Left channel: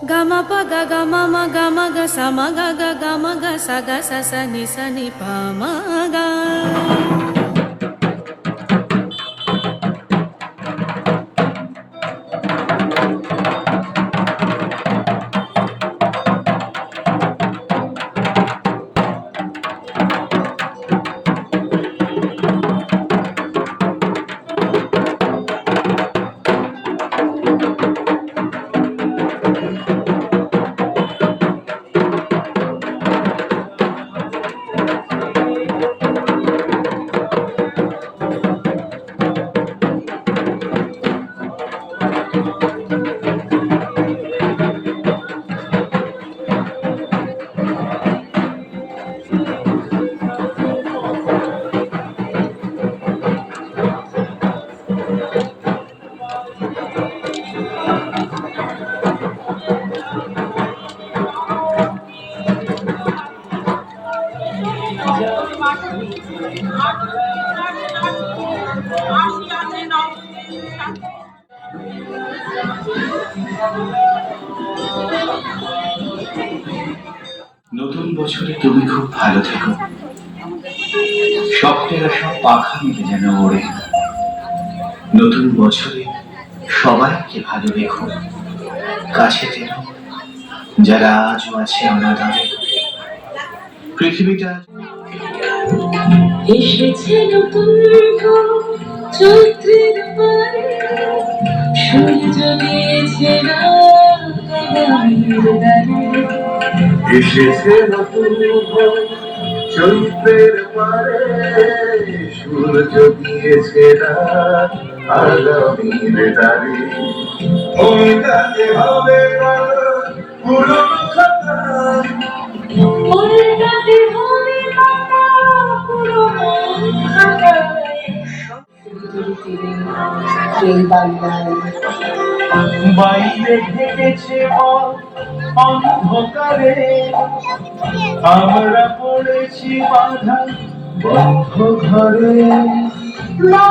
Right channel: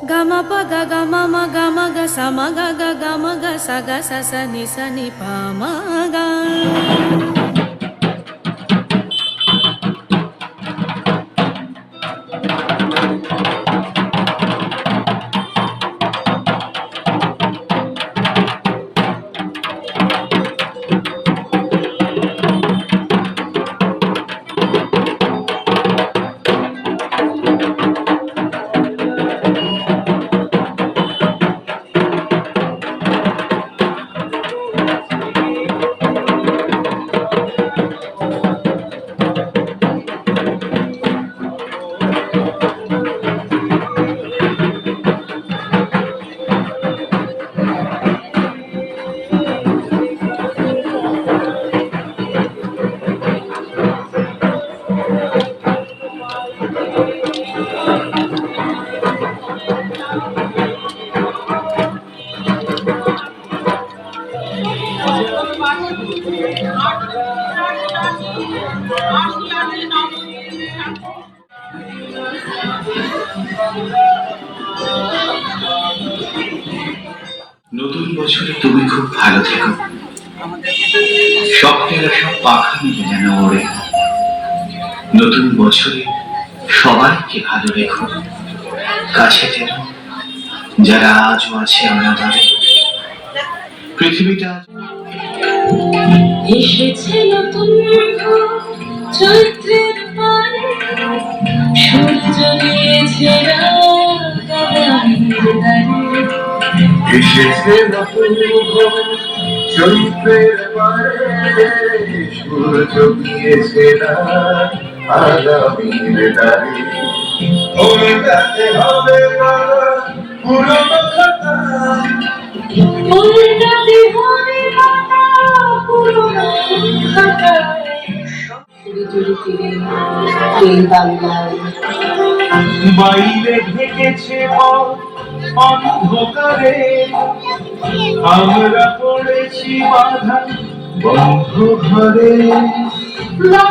గమ ప గ గ మ మ గ మ గ స మ గ గ గ మ గ స గ స స ని స ని ప మ নতুন বছরে তুমি খুব ভালো থেকো। স্বপ্নেরা সব পাখা মিলে যেন ওড়ে। নতুন বছরে সবাইকে ভালো রেখো। কাছে যেন যারা আজও আছে অনাদরে পৃথিবীটা এসেছে নতুন চৈত্রের পানে সূর্য দ্বারে। এসেছে নতুন চৈত্রের পারে সূর্য রাত আগামীর ওল্টাতে হবে পারা পুরনো খাতা বাংলায় বাইরে ঢেকেছে অন্ধকারে। আমরা পড়েছি বাধা বন্ধ ঘরে বাইরে।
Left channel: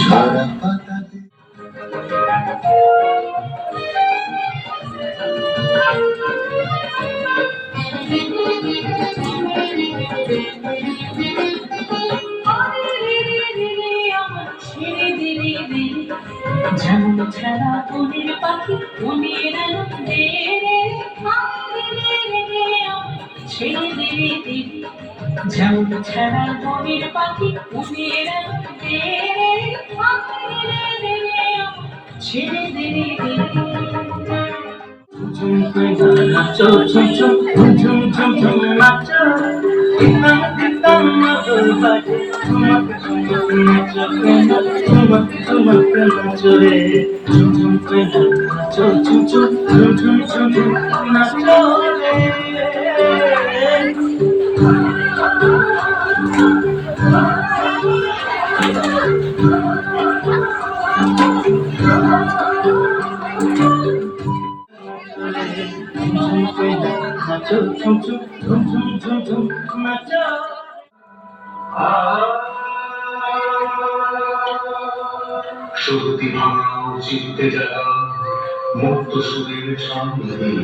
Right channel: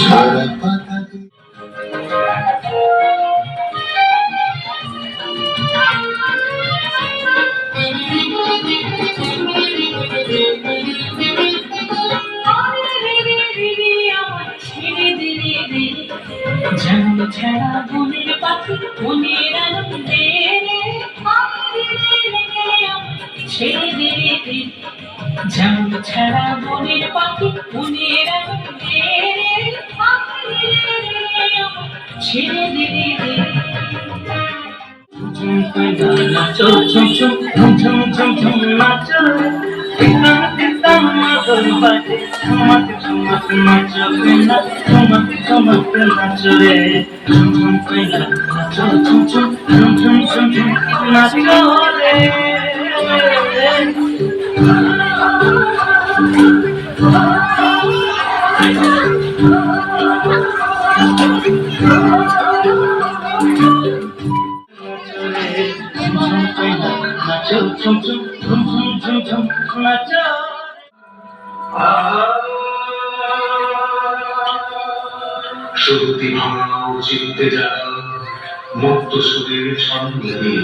ঝরা ছেড়ে দিলে যেমন ছাড়া বনের পাখি বনের আনন্দে ছেড়ে দিলে নাচো ঝুম ঝুম ঝুম ঝুম ঝুম নাচো দিতাম দিতাম মধুর বাজে ঝুমাতে ঝুমাতে নাচো না ঝুমাতে ঝুমাতে নাচো রে ঝুম ঝুম করে নাচো ঝুম ঝুম ঝুম ঝুম ঝুম নাচো রে নাচো ঝুম ঝুম ঝুম ঝুম ঝুম ঝুম নাচো শুরুতি ভাঙা চিনতে সন্নিধি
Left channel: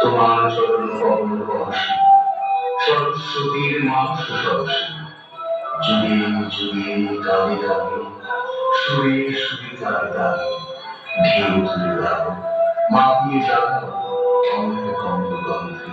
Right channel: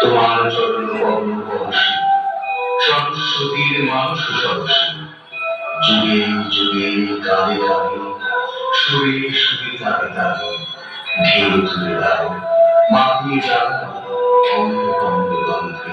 তোমার চরণ সতীর মানুষ যুগে যুগে কালে কালে সুরে সুরে তালে তালে ঢেউ তুলে দাও মাতিয়ে যাও অন্ধকন্দ গন্ধে।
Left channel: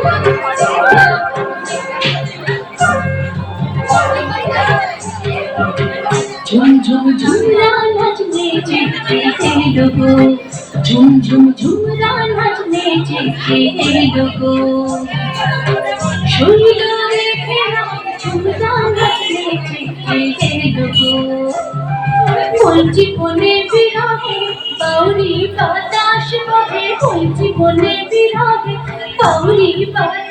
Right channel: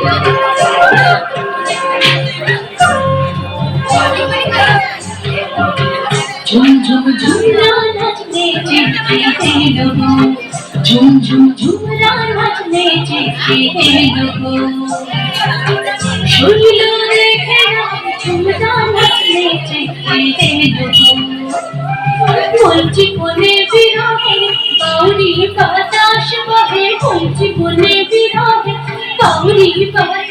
প্রাণে সহে আমার সমান ঝুম ঝুম ঝুমরা নাচনে চিঠি হে ডুবু ঝুম ঝুম ঝুমরা নাচনে চিঠি হে ডুবু রেখে ঝুমরা নাচনে চিঠি হে বলছি বনে বিরহে গৌরী বাতাস বহে বলছি বনে বিরহে গৌরী বাতাস